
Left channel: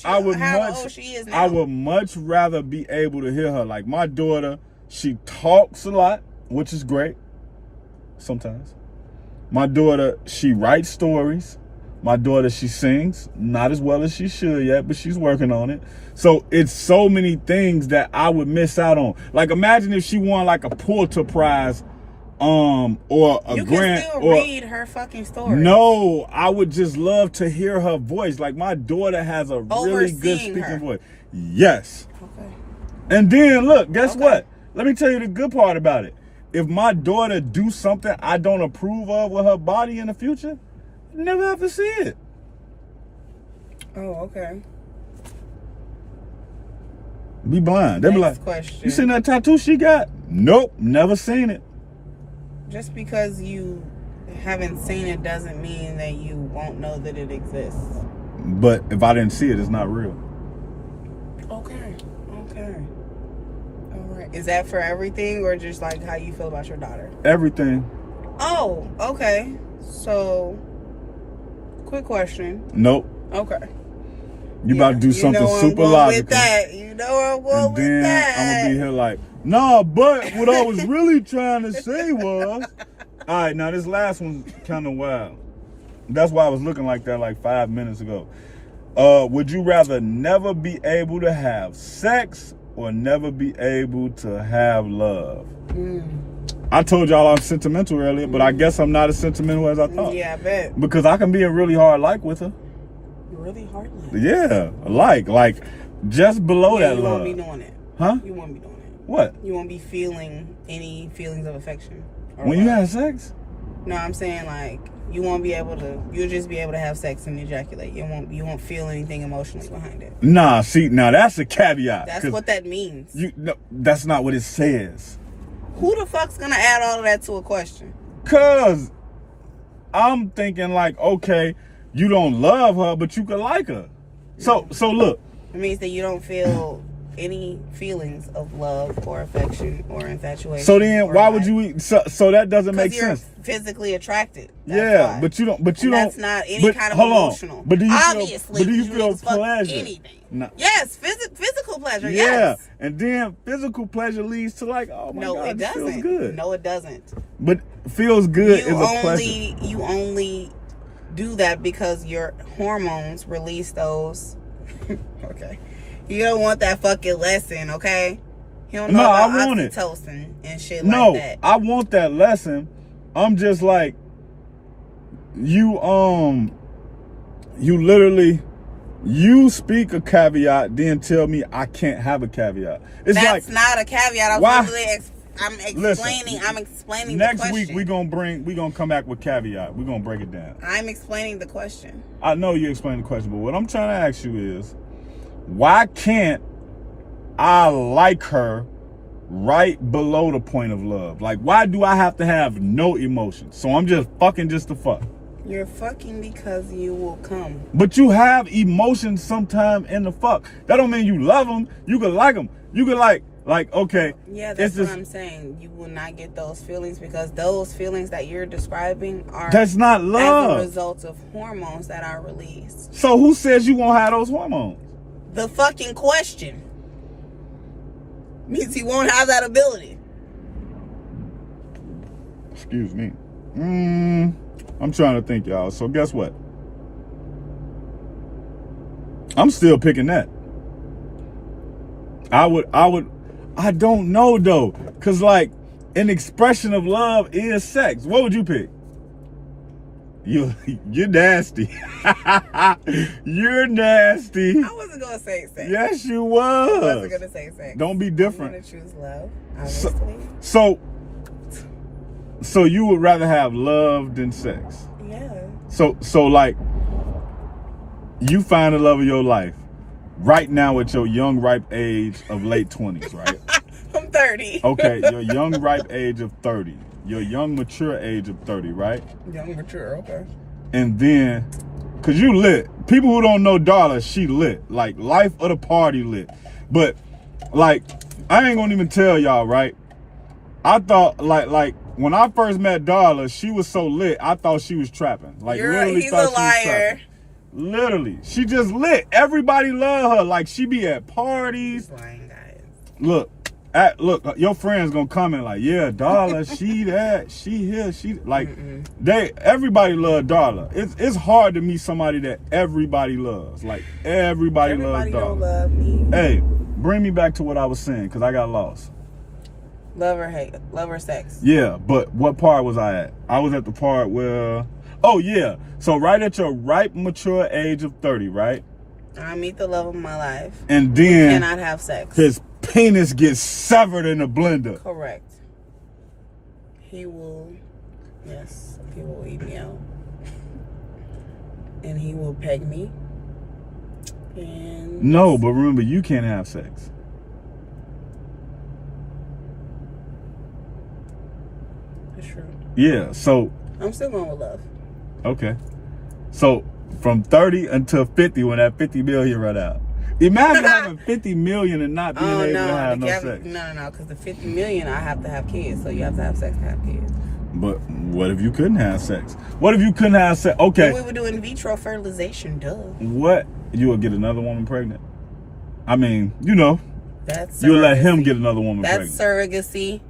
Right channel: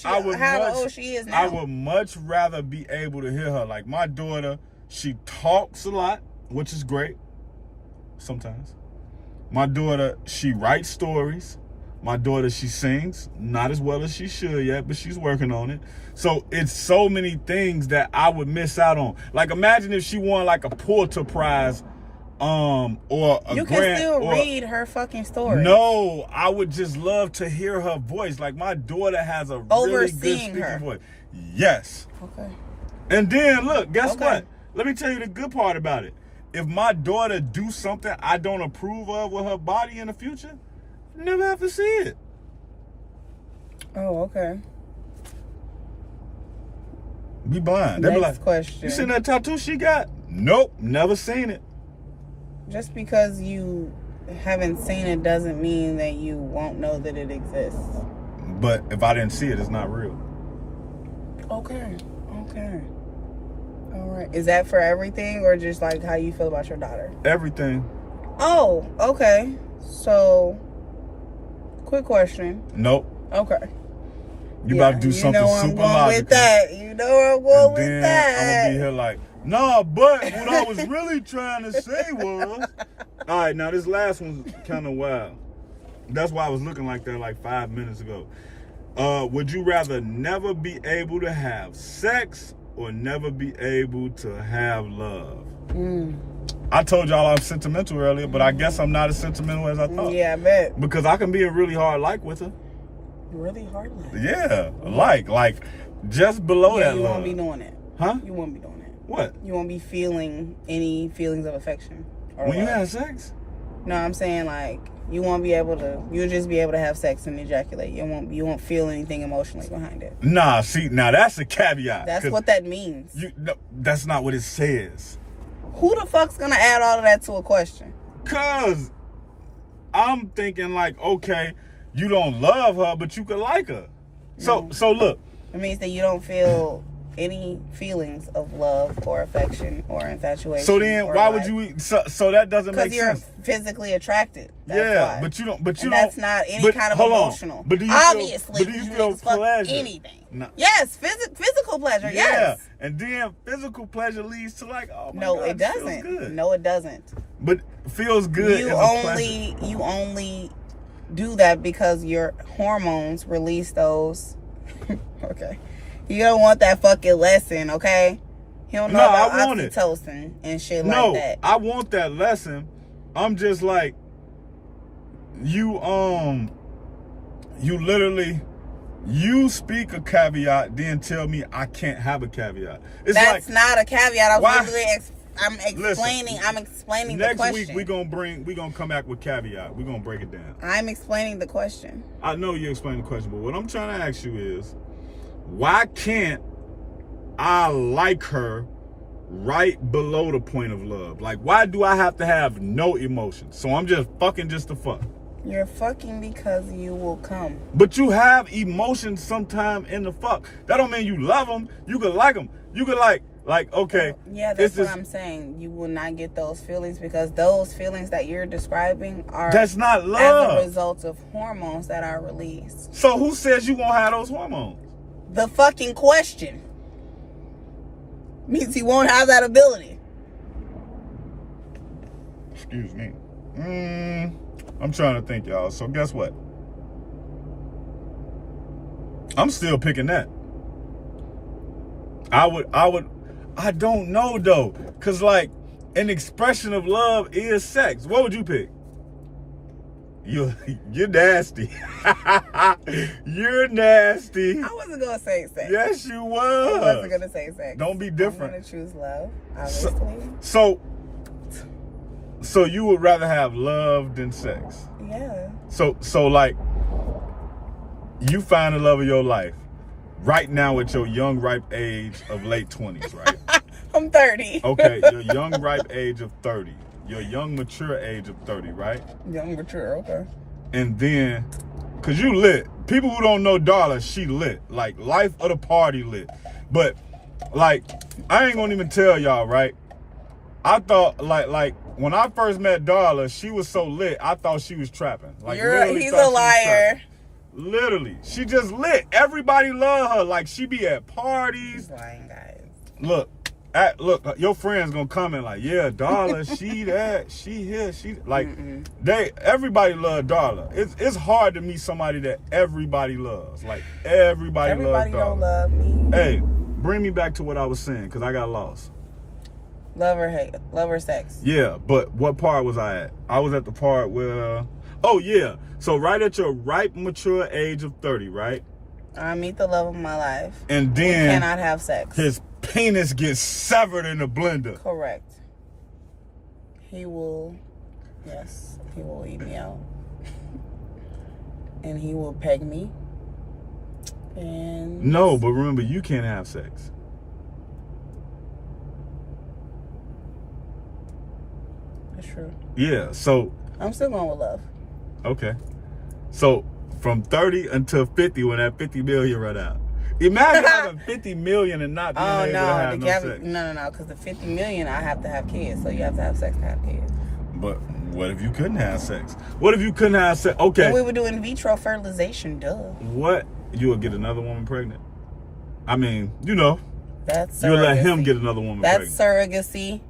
old she is now. I would much rather be able to hear her. Like my daughter, she talks a lot, which is great. Sometimes. My daughter, she writes stories. My daughter, she sings. Not as well as she should yet, but she's working on it. So it's so many things that I would miss out on. Like imagine if she won like a Pulitzer Prize or a you grant. You can still read her fucking story. No, I would just love to hear her voice. Like my daughter has a really good speaking voice. Yes. Okay. And then look, guess what? Let me tell you the good part about it. If my daughter do something I don't approve of with her body in the future, I never have to see it. Oh, okay. Be blind. They be like, you seen that tattoo she got? Nope, never seen it. Just because you haven't seen it doesn't mean that you won't know that it exists. But if I didn't see it, it's not real. Okay. All right. Is that for everything or just like how you feel about your daughter? Everything. Oh, okay. So, quick question. Nope. Okay. You about to do something super logical. You know I'm going with that. I'm gonna be here like, nah, but what I was really trying to say was, all right, now this last one's kind of wild. That's why I was looking like that like 5 minutes ago. Would you rather never be able to have sex or never be able to have love? I told y'all I'm sentimental earlier, but I guess I'm not as sentimental as I thought. Yeah, I bet. Because I can be a really hard like with her. Really hard like? Yeah, like just below that love. You won't be doing it. Huh? You won't be doing it. What? You won't be feeling any feelings of affection. When you have sex? No, I'm saying like you won't be able to. You'll just be able to have sex and ejaculate. You won't feel anything emotionally behind it. Nah, see, now that's a caveat. That's what that means. No, that's not what it says. Who the fuck's gonna add all of that to a question? Cause I'm thinking like, okay, you don't love her, but you could like her. So look. It means that you don't feel any feelings of love or affection or infatuation. So then why would you so that doesn't make sense? Because you're physically attracted. Yeah, but you don't that's not any kind of emotional. But do you feel pleasure? Anything. No. Yes, physical pleasure. Yeah, yes. And then physical pleasure leads to like, oh my God, it doesn't. Feels good. No, it doesn't. But feels good is a pleasure. You only do that because your hormones release those. Okay. You don't want that fucking lesson, okay? You don't know about oxytocin and shit like that. No, I want that lesson. I'm just like, you literally, you speak a caveat, then tell me I can't have a caveat. That's not a caveat. I'm explaining next the question. week we gonna come back with caveat. We're gonna break it down. I'm explaining the question. I know you explained the question, but what I'm trying to ask you is, why can't I like her right below the point of love? Like, why do I have to have no emotions? So I'm just fucking just to fuck. You're fucking because you will come. But you have emotions sometime in the fuck. That don't mean you love them. You could like them. You could like, okay. Yeah, that's what I'm saying. You will not get those feelings because those feelings that you're describing are... That's not love. As a result of hormones that are released. So who says you won't have those hormones? The fucking question means you won't have that ability. Excuse me. I'm trying to think, y'all. So guess what? I'm still picking that. I don't know though. Cause like an expression of love is sex. What would you pick? You're nasty. You're nasty. I wasn't gonna say sex. Yes, you was. I wasn't gonna say sex. Don't be different. I'm gonna choose love. Obviously. So you would rather have love than sex? Yeah. So like, you find the love of your life right now at your young, ripe age of late 20s, right? I'm 30. Okay, your young, ripe age of 30. Your young, mature age of 30, right? Young, mature, okay. And then, because you lit. People who don't know Darla, she lit. Like, life of the party lit. But, like, I ain't gonna even tell y'all, right? I thought, like, when I first met Darla, she was so lit, I thought she was trapping. Like, literally he's thought a she was liar. trapping. Literally. She just lit. Everybody love her. Like, she be at parties. He's lying, guys. Look, your friends gonna comment like, yeah, Darla, she that, she here, she like, everybody love Darla. It's hard to meet somebody that everybody loves. Like, everybody loves Darla. Don't love me. Hey, bring me back to what I was saying, because I got lost. Love or hate, love or sex. Yeah, but what part was I at? I was at the part where, oh yeah, so right at your ripe, mature age of 30, right? I meet the love of my life. And then we cannot have sex. His penis gets severed in a blender. Correct. He will eat me out. And he will peg me. And no, but remember, you can't have sex. That's true. Yeah, so I'm still going with love. Okay. So from 30 until 50, when that 50 million run out. Imagine having 50 million and not being able to have no sex. No, because the 50 million, I have to have kids. So you have to have sex to have kids. But what if you couldn't have sex? What if you couldn't have sex? Okay. Then we would do in vitro fertilization, duh. What? You would get another woman pregnant? I mean, you know. That's you'll let him get another woman pregnant. pregnant. That's surrogacy.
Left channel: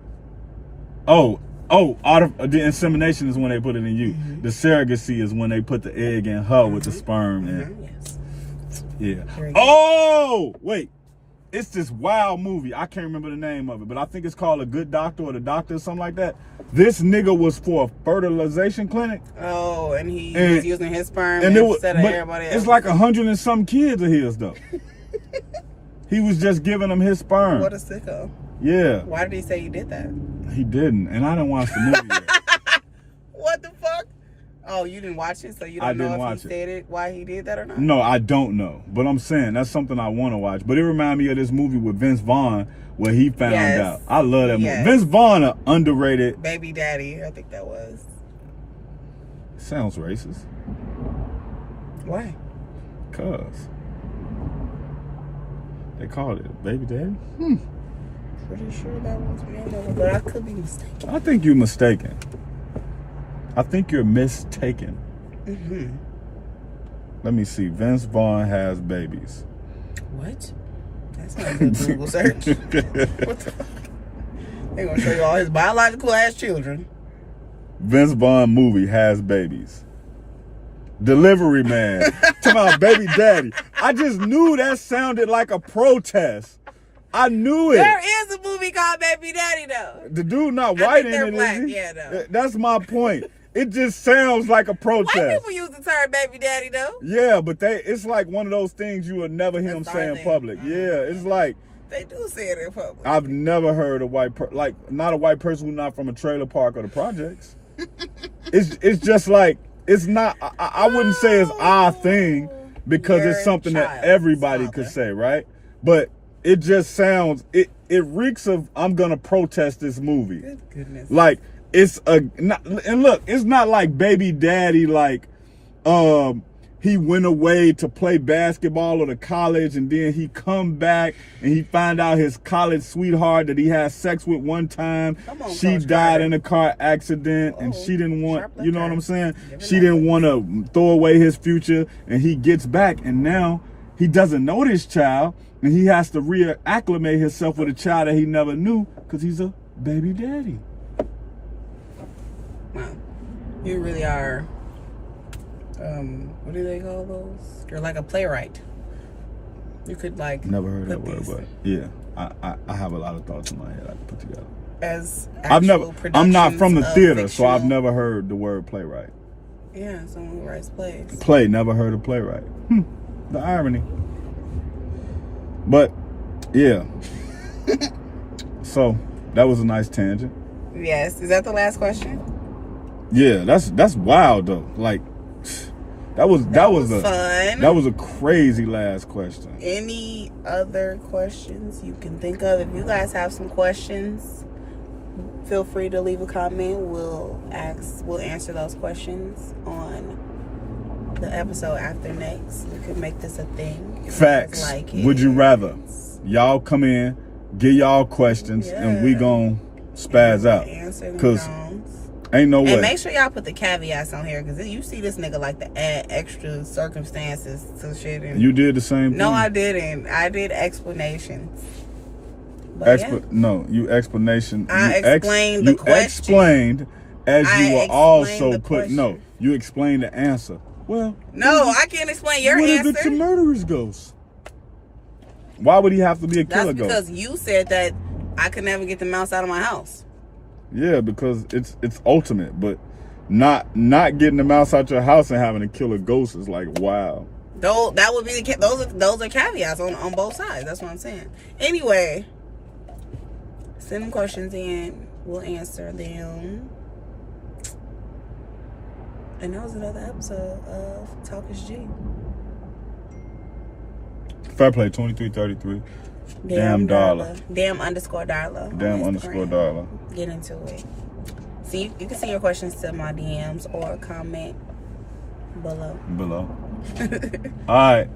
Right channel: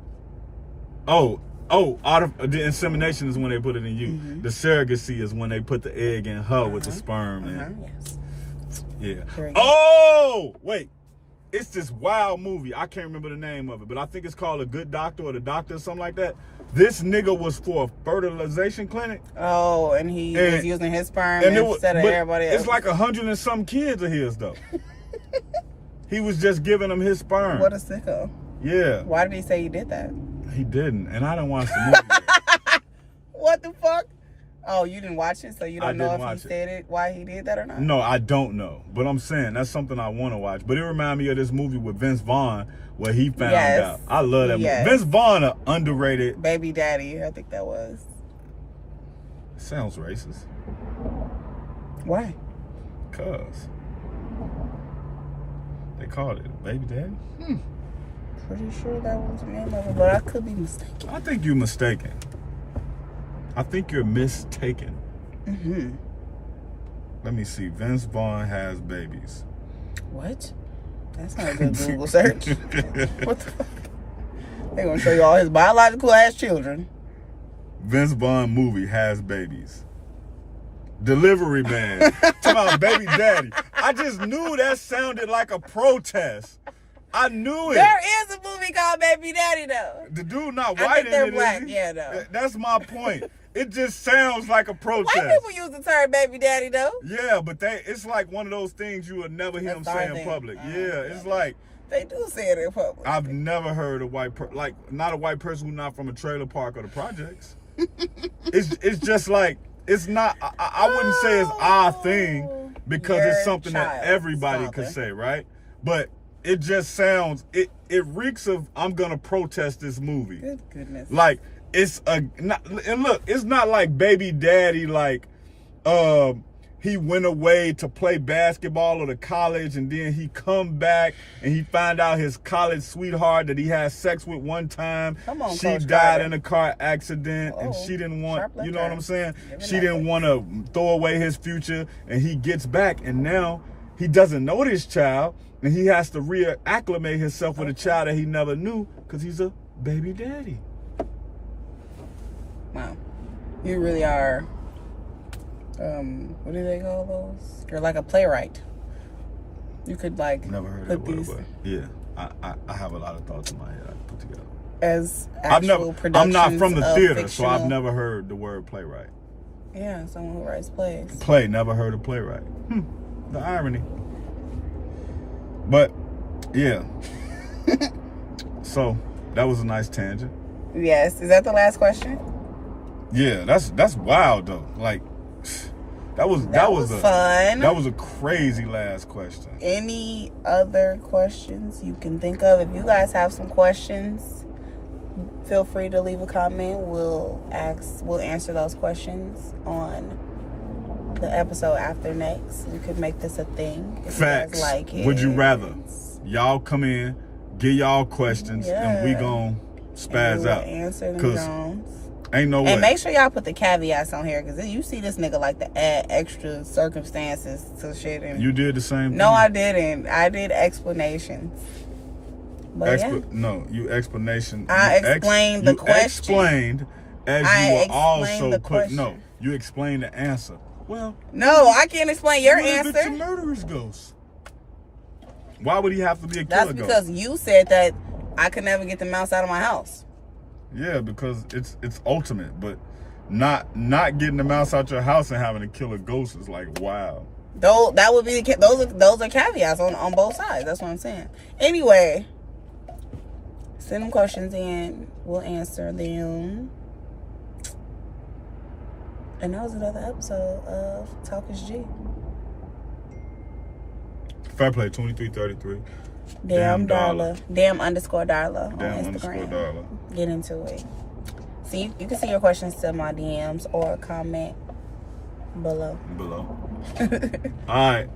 The insemination is when they put it in you. Mm-hmm. The surrogacy is when they put the egg in her with the sperm. Yes. Yeah. Oh, wait. It's this wild movie. I can't remember the name of it, but I think it's called A Good Doctor or The Doctor or something like that. This nigga was for a fertilization clinic. Oh, and he was using his sperm instead of everybody else. It's like 100 and some kids of his, though. He was just giving them his sperm. What a sicko. Yeah. Why did he say he did that? He didn't, and I didn't watch the movie yet. What the fuck? Oh, you didn't watch it, so you don't know if he said it, why he did that or not? No, I don't know. But I'm saying that's something I want to watch. But it reminded me of this movie with Vince Vaughn where he found out. I love that movie. Vince Vaughn, an underrated. Baby Daddy, I think that was. Sounds racist. Why? Because they called it Baby Daddy. Pretty sure that was the name of it, but I could be mistaken. I think you're mistaken. I think you're mistaken. Let me see. Vince Vaughn has babies. What? That's not a good Google search. What the fuck? They're going to show you all his biological ass children. Vince Vaughn movie has babies. Delivery Man. Talking about Baby Daddy. I just knew that sounded like a protest. I knew it. There is a movie called Baby Daddy, though. The dude not white in it, black. is he? Yeah, no. That's my point. It just sounds like a protest. White people use the term Baby Daddy, though. Yeah, but it's like one of those things you will never hear them say in public. It's like they do say it in public. I've never heard a white not a white person who's not from a trailer park or the projects. It's just like it's not. I wouldn't say it's our thing because it's something that everybody could say, right? But it just sounds, it reeks of, I'm gonna protest this movie. Good goodness. Like, and look, it's not like Baby Daddy, like, he went away to play basketball or to college and then he come back and he find out his college sweetheart that he had sex with one time. She died in a car accident and she didn't want, you know what I'm saying? She didn't want to throw away his future and he gets back and now he doesn't know this child. And he has to reacclimate himself with a child that he never knew because he's a baby daddy. Wow. You really are, what do they call those? You're like a playwright. You could like... Never heard that word, but yeah. I have a lot of thoughts in my head I can put together. As I'm not from the theater, so I've never heard the word playwright. Yeah, someone who writes plays. Never heard of playwright. The irony. But yeah. So that was a nice tangent. Yes. Is that the last question? Yeah, that's wild though. Like That was fun. That was a crazy last question. Any other questions you can think of? If you guys have some questions, feel free to leave a comment. We'll answer those questions on the episode after next. We could make this a thing. Facts. Like Would you rather? Y'all come in, get y'all questions, and we gon' spaz out. Answer them. Cause ain't no way. And make sure y'all put the caveats on here, because you see this nigga like to add extra circumstances to shit. And you did the same thing. No, I didn't. I did explanations. But No, you explanation. I explained the question. You explained as you were also put. question. No, you explained the answer. Well, no, I can't explain your what answer. if it's a murderer's ghost? Why would he have to be a killer ghost? That's because you said that I could never get the mouse out of my house. Yeah, because it's ultimate, but not getting the mouse out your house and having to kill a ghost is like, wow. That would be those are caveats on both sides. That's what I'm saying. Anyway, send them questions in. We'll answer them. And that was another episode of Talk is G. Fairplay 2333. Damn Darla. Damn _Darla. Damn _Darla. Get into it. See, you can see your questions to my DMs or comment below. All right.